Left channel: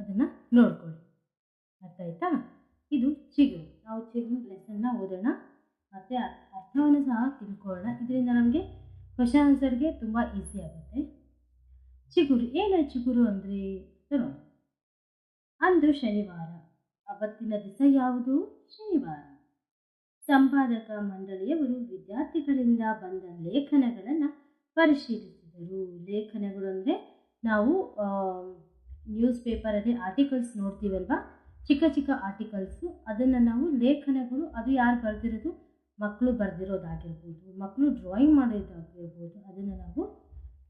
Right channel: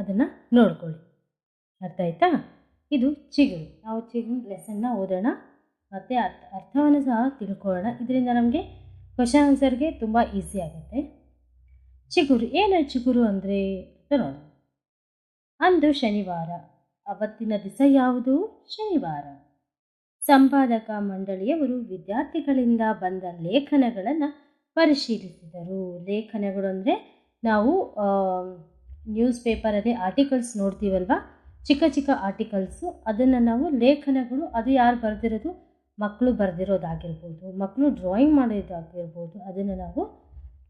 ಅದನ್ನು ನೋಡ್ಕೊಳ್ಳಿ. ಅರ್ಥ ಆಯ್ತಾ? ಇದು ಚಿಗುರು. ನಾವು ಚಿಗುರು ಲೆಸನ್ನ ಓದೋಣ ಮತ್ತು ಅರ್ಥವನ್ನು ಸಹ ತಿಳ್ಕೊಳ್ಳೋಣ. ಇದರಿಂದ ನಮಗೆ ಕ್ವಶನ್ ಆನ್ಸರ್ಗೆ ತುಂಬ ಈಸಿ ಆಗುತ್ತೆ. ಚಿಗುರು ಏನು? ಚಿಗುರು ಅಂದರೆ ನೋಡೋಣ. ಅಂದು ಶನಿವಾರ. ಅವತ್ತಿನ ದಿವಸ ಯಾವುದು? ಶನಿವಾರ. ಸಂಪಾದಕ ಮಂಡಳಿಯವರು ವಿದ್ಯಾರ್ಥಿಗಳಿಂದ ಬಂದ ಲೇಖನಗಳನ್ನು ಪರಿಶೀಲಿಸಿದರು. ಲೇಖನಗಳು ಅಂದರೆ ನಾವು ನ್ಯೂಸ್ ಪೇಪರಲ್ಲಿ ಆರ್ಟಿಕಲ್ಸ್ ನೋಡ್ತೀವಲ್ವ, ಚಿಕ್ಕ ಚಿಕ್ಕ ಆರ್ಟಿಕಲ್ಸು, ಅದನ್ನು ನಾವು ಲೇಖನಗಳು, ಅದು ಯಾರು ಬರೆದಿರೋದು? ಮಕ್ಕಳು ಬರೆದಿರೋದಾಗಿರ್ಬೋದು, ಮಕ್ಕಳು ಡ್ರಾಯಿಂಗ್ ಮಾಡೋದಾಗಿರ್ಬೋದು, ಅದನ್ನು ನಾವು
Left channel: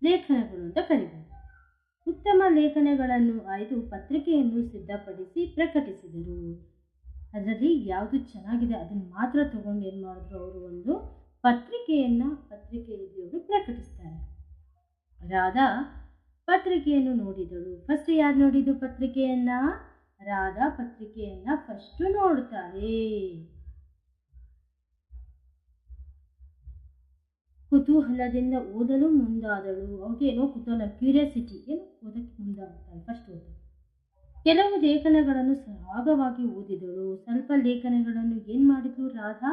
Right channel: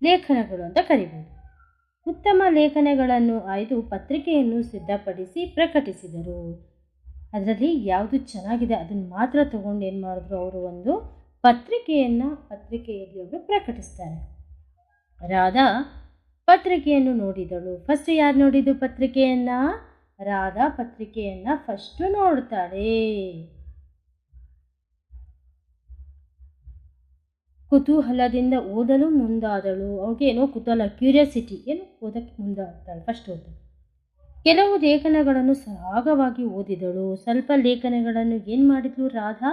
ಲೇಖನಗಳು ಅಂತ ಕರಿಬೋದು. ಉತ್ತಮ ಲೇಖನಗಳನ್ನು ಆಯ್ದು ಪತ್ರಿಕೆಯನ್ನು ಸಿದ್ಧಪಡಿಸಿ ಪ್ರಕಟಿಸಿದರು. ಅದರಲ್ಲಿ ಯಾವುದು ಚೆನ್ನಾಗಿದೆ ಅದನ್ನು ಮಾತ್ರ ತಗೊಂಡು ಏನು ಮಾಡಿದ್ರು, ಅವರು ಒಂದು ಪತ್ರಿಕೆಯಲ್ಲಿ ಅವರು ಪ್ರಕಟಿಸ್ತಾರೆ. ರಾಧಾ ಪತ್ರಿಕೆಯನ್ನು ನೋಡಿದಳು. ಫಸ್ಟ್ ಯಾರು ನೋಡಿದ್ದು ಪತ್ರಿಕೆಯನ್ನು? ರಾಧಾ ಪತ್ರಿಕೆಯನ್ನು ಫಸ್ಟು ನೋಡ್ತಾಳೆ. ಕುತೂಹಲದಿಂದ ಓದಲು ಮುಂದಾದಳು. ಅವ್ರಿಗೆ ಏನೋ ಕುತೂಹಲ, ಕ್ಯೂರಿಯಾಸಿಟಿ, ಏನು ಓದಕ್ಕೆ ಮುಂದಾಗ್ತಾಳೆ. ಫಸ್ಟ್ ಓದಲು ಕೆಲವು ಲೇಖನಗಳನ್ನು ಸರಾಗವಾಗಿ ಓದಿದಳು. ಸ್ವಲ್ಪ ಲೇಖನಗಳನ್ನು ಏನು ಮಾಡಿದ್ಲು ರಾಧಾ?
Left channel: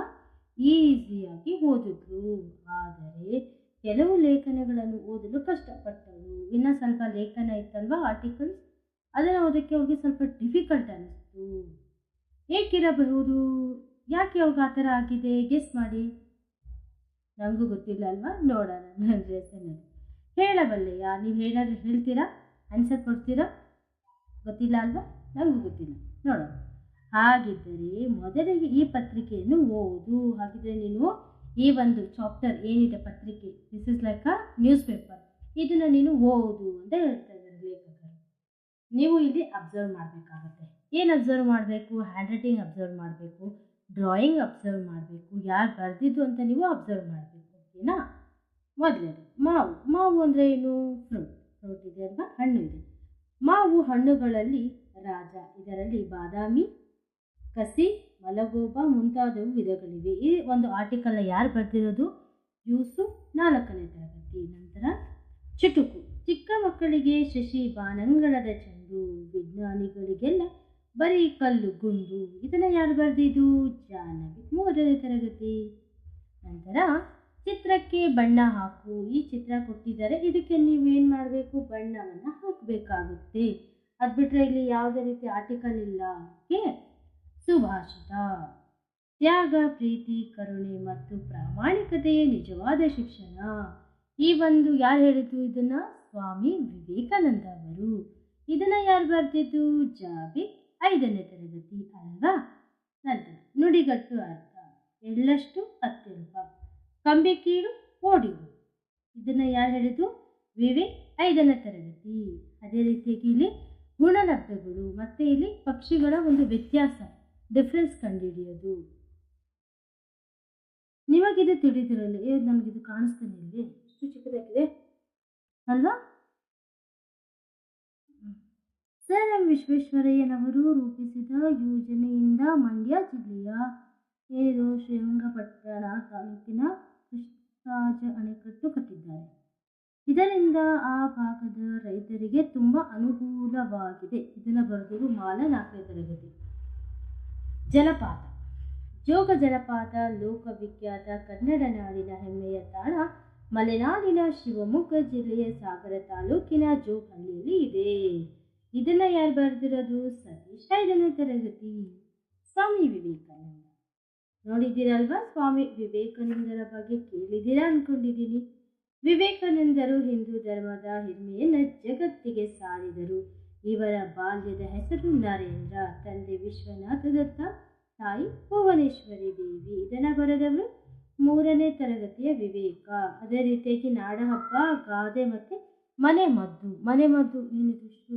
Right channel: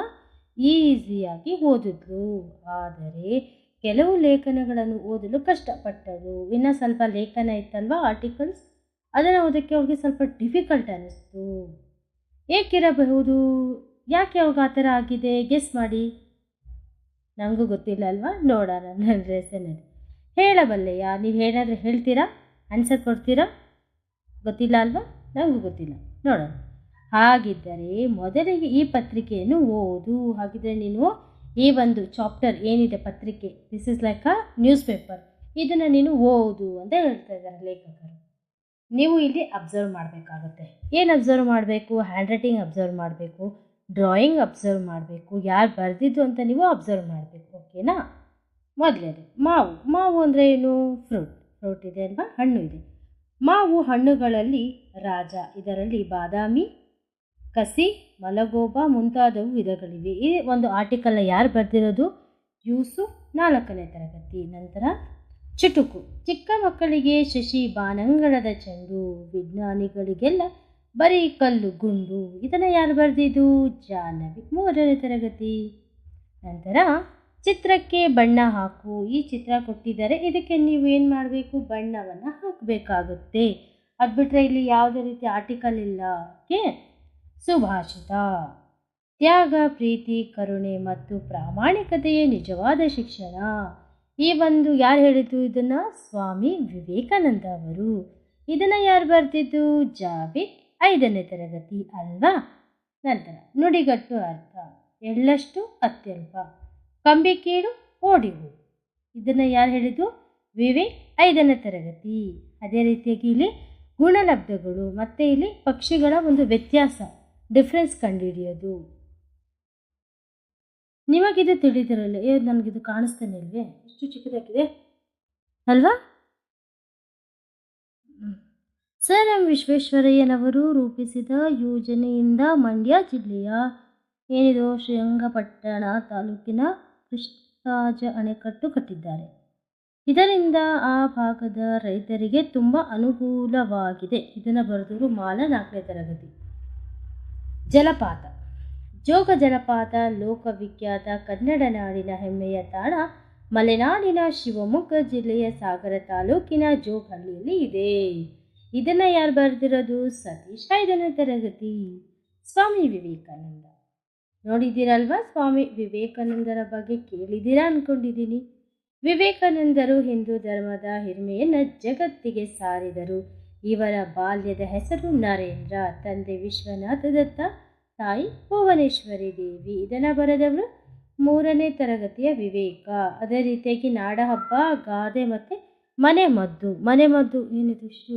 ಈಸಿಯಾಗಿ ಓದಿದ್ಲು. ಆದರೆ ಕೆಲವು ಲೇಖನಗಳನ್ನು ಓದಲು ಕಷ್ಟಪಟ್ಟಳು. ಇನ್ನು ಸ್ವಲ್ಪ ಲೇಖನ ಇತ್ತಲ್ವ, ಆರ್ಟಿಕಲ್ಸ್, ಅದನ್ನು ಓದೋಕ್ಕೆ ಅವ್ರಿಗೆ ಸ್ವಲ್ಪ ಡಿಫಿಕಲ್ಟ್ ಅನ್ನಿಸ್ತು. ಏಕಿರಬಹುದು? ಯಾಕೆ ಅವ್ರಿಗೆ ಆ ಥರ ಆಗಿದೆ? ಗೆಸ್ ಮಾಡಿ. ನನಗೂ ಗೊತ್ತಿಲ್ಲ ಅಲ್ವಾ? ನೋಡೋಣ ನನ್ನ ಲೆಸನಲ್ಲಿ. ಹೇಳಬಲ್ಲೆಯಾ? ನೀವು ಏನಾದರೂ ಹೇಳ್ತೀರಾ? ಆನ್ಸರ್ ಕೊಡ್ತೀರಾ? ಗೊತ್ತಿಲ್ಲ ಅಲ್ವಾ? ನನಗೂ ಗೊತ್ತಿಲ್ಲ. ನೋಡೋಣ. ಹಾಗಿದ್ದರೆ ಮೊದಲಿಗೆ ಈ ಪತ್ರಿಕೆಯನ್ನು ಓದು. ಹಾಗಿದ್ದರೆ ನೀನು ಈ ಒಂದು ಚಾಪ್ಟರ್ ಏನಿದೆ ಪತ್ರಿಕೆ, this is like a news paper, ಇದನ್ನು ನೀನು ಓದು ಅಂತ ಹೇಳ್ತಾ ಇದ್ದಾರೆ ಲೇಖಕರು. ನೀವು ಇಲ್ಲಿ ಅಬ್ಸರ್ವ್ ಮಾಡಬೇಕಾಗುತ್ತೆ. ಏನು ಅಬ್ಸರ್ವ್ ಮಾಡಬೇಕು? ಹ್ಯಾಂಡ್ ರೈಟಿಂಗ್ ಅಬ್ಸರ್ವ್ ಮಾಡಬೇಕು, ಡ್ರಾಯಿಂಗ್ ಅಬ್ಸರ್ವ್ ಮಾಡಬೇಕು, ಯಾರು ಬರೆದಿದ್ದು ಅಂತ ನೀವು ಅಬ್ಸರ್ವ್ ಮಾಡಬೇಕು. ಓಕೆನಾ? ಮೊದಲೇದು ಮಾವು. ಮಾವು ಅಂದರೆ ಏನು? ಫ್ರೂಟ್ ಇದೆ ಅಲ್ವಾ? ಹಣ್ಣು ಇದೆ. ಮಾವು ಹಣ್ಣುಗಳಲ್ಲಿ ರಾಜ. ಇದರಲ್ಲಿ ಬಾದಾಮಿ, ಕಸಿ, ಮಲಗೋಬಾ ಮುಂತಾದವು ವಿಧಗಳಿವೆ. ಈ ಒಂದು ಆರ್ಟಿಕಲ್ನ ಯಾರು ಬರೆದಿರೋದು? ಯೂಸುಫ್, 4ನೇ ತರಗತಿ. ನಂತರ ಚುಟುಕು. ಚಿಕ್ಕ ಮಕ್ಕಳಿಗೆ ಶಶಿ ಬಾನಂಗಳದ ಚೆಂಡು, ವಿಜ್ಞಾನಿಗಳಿಗೆಲ್ಲ ಬರೀ ಕಲ್ಲು ಗುಂಡು. ಇದನ್ನು ಯಾರು ಬರೆದಿದ್ದು? ಜಾಹ್ನವಿ, 3ನೇ ತರಗತಿ. ನಂತರ ಚಿತ್ರಕ್ಕೆ ಬಣ್ಣ ಹಾಕು. ಈ ಚಿತ್ರ ಕೊಟ್ಟಿದ್ದಾರೆ, ಇದಕ್ಕೆ ನೀವು ಏನು ಮಾಡಬೇಕು? ಬಣ್ಣವನ್ನು ಹಾಕಬೇಕಾಗುತ್ತೆ. ಅದು ಬಿಟ್ಟರೆ ಇಲ್ಲಿ ಯಾವುದೇ ರೀತಿ ಆರ್ಟಿಕಲ್ ಇಲ್ಲ. ಓಕೆ. ಸುಭಾಷಿತ. ತ್ಯಾಗ, ಪ್ರೀತಿ, ಕರುಣೆ ಮತ್ತು ಪ್ರಾಮಾಣಿಕತೆಯೇ ನಿಜವಾದ ಶಿಕ್ಷಣ. ಈ ಒಂದು ಯಾರು ಹೇಳಿದ್ದು ಇದನ್ನು? ಸ್ವಾಮಿ ವಿವೇಕಾನಂದ ಅವರು. ಇದನ್ನು ಯಾರು ಬರೆದಿದ್ದು? ಜಾವೇದ್, 5ನೇ ತರಗತಿ ಅಲ್ವಾ? ನಂತರ ನುಡಿಗಟ್ಟು ಅರ್ಥ. ಎಳ್ಳಷ್ಟು ಅತ್ಯಲ್ಪ, ಕಂಬಿ ಕೀಳು, ಓಡಿ ಹೋಗು. ಇದನ್ನು ಯಾರು ಹೇಳಿದ್ದು? ವಿವೇಕ್, 5ನೇ ತರಗತಿ. ಅದೇ ರೀತಿಯಾಗಿ ಇಲ್ಲಿ ಗುಣಲಬ್ಧಗಳು ಮತ್ತು ಇಲ್ಲಿ ಪಕ್ಷಿಗಳ ಒಂದು ವ್ಯತ್ಯಾಸ, ಡಿಫ್ರೆನ್ಸ್ ಕಂಡುಹಿಡಿಯೋದು. ನಿಮಗಿದು ತಿಳಿದಿರಲ್ಲ. ನನಗಿದು ಕಾಣಿಸ್ತಾನೆ ಇಲ್ವೇ? ಎಷ್ಟು ಚಿಕ್ಕದಾಗಿದೆ ಅಲ್ವಾ? ಸರ್ ಎಂ ವಿಶ್ವೇಶ್ವರಯ್ಯನವರು ರೂಪಿಸಿದ ಯೋಜನೆಯಿಂದ ಮಂಡ್ಯ ಜಿಲ್ಲೆಯ ಏನಿದು ಶ್ರೀರಂಗಪಟ್ಟಣ ತಾಲೂಕಿನ ಕೃಷ್ಣರಾಜ ಅಣೆಕಟ್ಟು ಕಟ್ಟಿದ್ದಾರೆ. ಇದರಿಂದ ಆ ಭಾಗದ ರೈತರಿಗೆ ತುಂಬ ಅನುಕೂಲವಾಗಿದೆ. ಇದನ್ನು ಬರೆದವರು ಮಾಲ, 4ನೇ ತರಗತಿ. ಜಲಪಾತ. ಜೋಗ ಜಲಪಾತ ಲೋಕವಿಖ್ಯಾತ ಕನ್ನಡ ನಾಡಿನ ಹೆಮ್ಮೆಯ ತಾಣ ಮಲೆನಾಡಿನ ಶಿವಮೊಗ್ಗ ಜಿಲ್ಲೆಯ ಸಾಗರ ತಾಲೂಕಿನ ಜೋಗಹಳ್ಳಿಯಲ್ಲಿ ಇದೆ. ಇದನ್ನು ಯಾರು ಬರೆದಿರೋದು? ಸತೀಶ್, 5ನೇ ತರಗತಿ. ಸ್ವಾಮಿ ವಿವೇಕಾನಂದ. ನೋಡಿದ್ದೀರಲ್ವಾ? ಸ್ವಾಮಿ ವಿವೇಕಾನಂದರ ಬಗ್ಗೆ ಕೇಳಿದ್ದೀರಾ ಅಂದ್ಕೊಂಡಿದ್ದೀನಿ. ವಿವೇಕಾನಂದರು ಹಿಂದೂ ಧರ್ಮದ ಹಿರಿಮೆಯನ್ನು ಜಗತ್ತಿಗೆ ಸಾರಿದರು. ಇವರ ಬಾಲ್ಯದ ಹೆಸರು ನರೇಂದ್ರ. ತಂದೆ ವಿಶ್ವನಾಥ ದತ್ತ, ತಾಯಿ ಭುವನೇಶ್ವರಿ ದೇವಿ. ಇದನ್ನು ಬರೆದವರು 3ನೇ ತರಗತಿಯ ವಿವೇಕ. ಅದೇ ರೀತಿಯಾಗಿ ನಾಡಹಬ್ಬ, ಗಾದೆ ಮತ್ತು ಮನೆ ಮದ್ದು. ಮನೆ ಮದ್ದು ಏನಿದು? ಇಷ್ಟು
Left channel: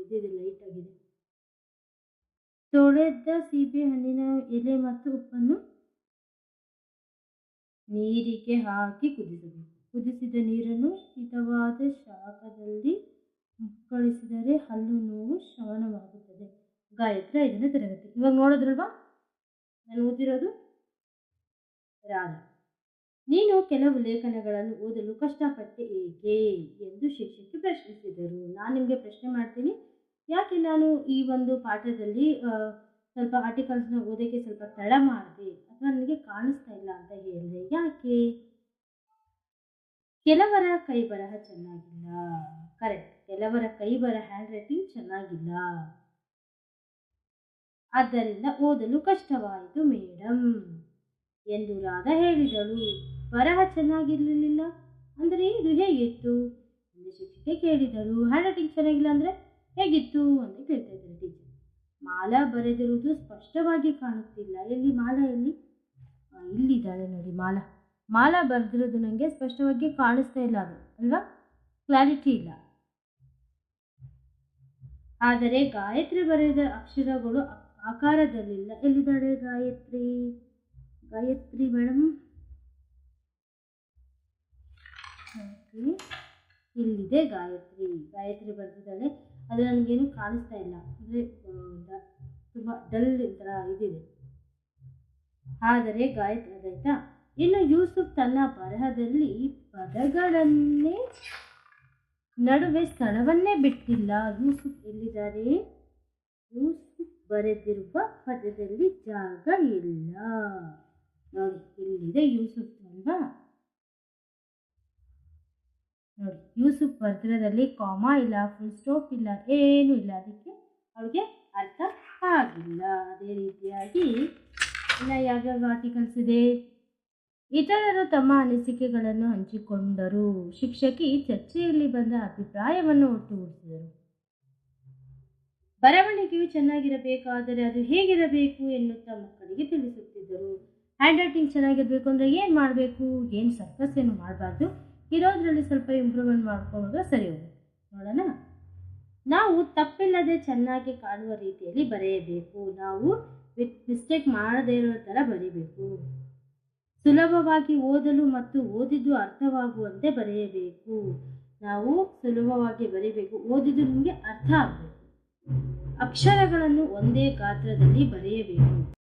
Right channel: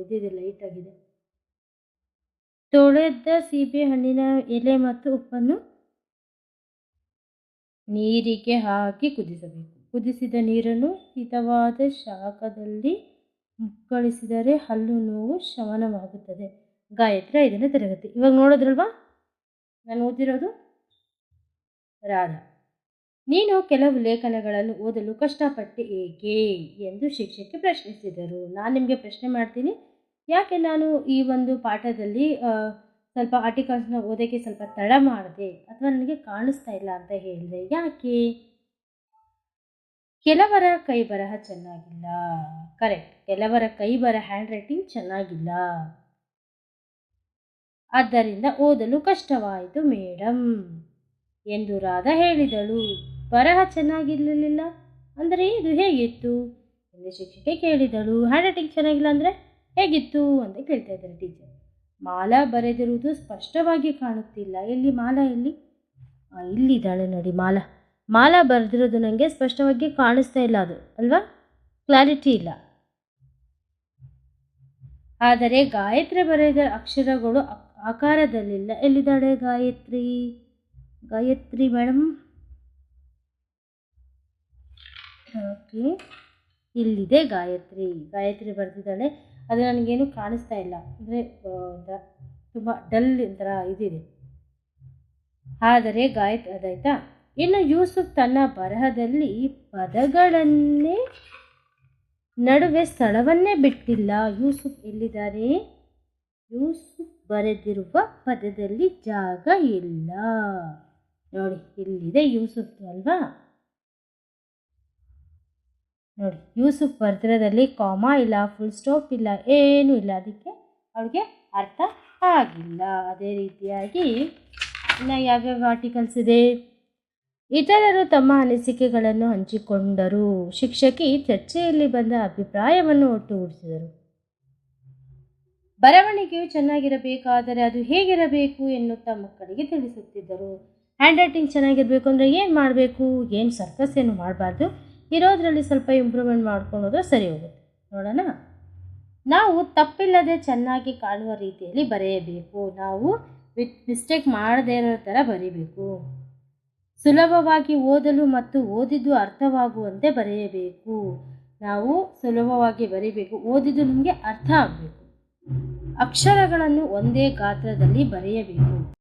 ಇದಿದೆ, ಲೈಟಾಗಿದೆ. ತೊಳೆದ ಸೀಬೆ ಹಣ್ಣಿನ ಎಲೆ ಮತ್ತು ಉಪ್ಪನ್ನು ನೀರಿಗೆ ಹಾಕಿ ಕುದಿಸಬೇಕು. ಕುದಿಸಿದ ನೀರನ್ನು ಹಿತವಾದ ಶಾಖದಲ್ಲಿ ಮುಕ್ಕಳಿಸಿದರೆ ಹಲ್ಲು ನೋವು ಶಮನವಾಗುತ್ತದೆ. ಗಾಯತ್ರಿ, 5ನೇ ತರಗತಿ. ಇವಾಗ ನೋಡಿದ್ರಲ್ವಾ ನಾನು ಓದಿರೋದು? ರಾಧಾ. ನೀನು ಕೆಲವು ಲೇಖನಗಳನ್ನು ಓದಲು ಕಷ್ಟಪಟ್ಟೆ ಏಕೆ ಎಂದು ಶಿಕ್ಷಕಿ ಪ್ರಶ್ನಿಸಿದರು. ನಾನು ನಿಮಗೆ ಪ್ರಶ್ನೆ ಮಾಡ್ತೀನಿ, ಯಾಕೆ ನಾನು ಈ ಒಂದು ಪಾಠದಲ್ಲಿ ಸ್ವಲ್ಪ ಆರ್ಟಿಕಲ್ಸ್ನ ಓದೋಕ್ಕೆ ಸ್ವಲ್ಪ ತಡ ಮಾಡಿದೆ ಅಥವಾ ನನಗೆ ಕಾಣಿಸ್ತಾ ಇಲ್ಲ ಅಂತ ಹೇಳಿದೆ? ಯಾಕೆ? ಕೆಲವರ ಕೈ ಬರಹ ಚೆನ್ನಾಗಿಲ್ಲ. ಕರೆಕ್ಟ್. ಕೆಲವರ ಕೈ ಬರಹ ಹ್ಯಾಂಡ್ ರೈಟಿಂಗ್ ಚೆನ್ನಾಗಿಲ್ಲ. ಆದ್ದರಿಂದ ಓದಲು ಕಷ್ಟವಾಯಿತು ಮೇಡಮ್ ಎಂದು ರಾಧಾ ಹೇಳಿದಳು. ಬರಹ ಚೆನ್ನಾಗಿರಲಿಲ್ಲ ಅಂದರೆ ಇದು ಹೇಗಿತ್ತು ಎಂದು ಶಿಕ್ಷಕಿ ಕೇಳಿದಳು. ಹ್ಯಾಂಡ್ ರೈಟಿಂಗ್ ಚೆನ್ನಾಗಿಲ್ಲ ಅಂದರೆ ಹೇಗಿತ್ತು ಅಂತ ಕೇಳ್ತಾ ಇದ್ದಾರೆ ಟೀಚರ್. ಮಾಲಾ ಬರೆದಿರುವುದು ಸ್ಪಷ್ಟವಾಗಿ ಕಾಣುತ್ತಿಲ್ಲ. ಎಲ್ಲಿ ಮಾಲಾ? ಎಲ್ಲಿ? ಇಲ್ಲಿದ್ದಾಳೆ ನೋಡಿ ಮಾಲಾ. ಮಾಲಾ ಬರೆದಿರೋದು ನನಗೆ ಸ್ಪಷ್ಟವಾಗಿ ಕಾಣಿಸ್ತಾ ಇಲ್ಲ, ಅದು ಅಲ್ವಾ? ಕ್ಲಾರಿಟಿ ಇಲ್ಲ. ಆದರೆ ಗಾಯತ್ರಿ ಬರೆದ ಅಕ್ಷರಗಳು ಆಕಾರದಲ್ಲಿಲ್ಲ. ಎಲ್ಲಿದ್ದಾಳೆ ಗಾಯತ್ರಿ? ಗಾಯತ್ರಿ ಮೇಡಮ್, ಓಕೆ, ಇಲ್ಲಿದೆ ಗಾಯತ್ರಿ. ಗಾಯತ್ರಿ ಬರೆದಿದ್ದಾಳೆ, ಅದು ನನಗೇನು ಕಾಣಿಸ್ತಾ ಇಲ್ಲ. ಅಂದರೆ ತುಂಬ ಡಲ್ ಥರ ಇದಿದೆ. ಆದರೆ ಗಾಯತ್ರಿ ಅದಾಯ್ತಾ. ಇನ್ನು ಯೂಸುಫ್ ತನ್ನ ಬರಹದಲ್ಲಿ ಪದಗಳನ್ನೇ ನಡುವೆ ಸ್ಥಳವನ್ನೇ ಬಿಟ್ಟಿಲ್ಲ. ಯೂಸುಫ್ ಎಲ್ಲಿದ್ದಾರೆ? ಯೂಸುಫ್ ಬರೆದಿರುವ ಪದದಲ್ಲಿ ಜಾಗ ಇಲ್ಲ. ನೋಡಿ, ಇಲ್ಲಿದೆ ಯೂಸುಫ್ ಅಲ್ವಾ? ನೋಡಿ, ಯೂಸುಫ್ ಬರೆದಿರೋದಲ್ಲಿ ಕಾಮಾ ಇಲ್ಲ, ಫುಲ್ ಸ್ಟಾಪ್ ಇಲ್ಲ, ಏನೂ ಇಲ್ಲ. ಅದಕ್ಕೆ ಅವಳಿಗೆ ಅರ್ಥ ಆಗಿಲ್ಲ. ಅದೇ ರೀತಿಯಾಗಿ ಇನ್ನು ಯಾವ್ಯಾವ ಆರ್ಟಿಕಲ್ಸ್ ಇದೆ? ಇತರರು ತಮ್ಮ ಅನಿಸಿಕೆಗಳನ್ನು ಹಂಚಿಕೊಂಡರು. ಶಿಕ್ಷಕಿ ಚರ್ಚೆಯಲ್ಲಿ ಬಂದ ಅಭಿಪ್ರಾಯವನ್ನು ಒಟ್ಟುಗೂಡಿಸಿದರು. ಬರವಣಿಗೆಯು ಚೆನ್ನಾಗಿರಬೇಕಾದರೆ ಅದು ಹೇಗಿರಬೇಕು ಎನ್ನುತ್ತಾ ಮಕ್ಕಳಿಗೆ ತಿಳಿಸುತ್ತಿದ್ದರು. ಹ್ಯಾಂಡ್ ರೈಟಿಂಗ್ ಚೆನ್ನಾಗಿರಬೇಕು ಅಂದರೆ ಏನು ಮಾಡಬೇಕು? ಏನು ಸರ್ಕಸ್ ಏನು ಮಾಡಬಾರ್ದು, ಇರೋದರಲ್ಲಿ ಸ್ವಲ್ಪ ಇಂಪ್ರೂವ್ಮೆಂಟ್ ಮಾಡ್ಕೊಳ್ಳೋದು ಸರಿ ಹೋಗುತ್ತೆ. ನೋಡೋಣ. ನಾವು ತಪ್ಪಿಲ್ಲದೆ ಚೆನ್ನಾಗಿ ಕಾಣುವ ರೀತಿಯಲ್ಲಿ ಬರೆಯಬೇಕು. ನಾವು ಮಿಸ್ಟೇಕ್ ಮಾಡದೇ ಇರೋ ಥರ ಬರೀಬೇಕು. ಸುಲಭವಾಗಿ ಓದಲು ಮತ್ತು ಓದಿದ್ದು ಅರ್ಥವಾಗುವಂತೆ ಬರೆಯಬೇಕು. ನಾವು ಸುಲಭವಾಗಿ ಬರೀಬೇಕು, ಓದಿದ್ದು ನಮಗೆ ಅರ್ಥ ಆಗಬೇಕು. ಅಕ್ಷರಗಳನ್ನು ಒಂದೇ ಗಾತ್ರದಲ್ಲಿ ಬರೆಯಬೇಕು.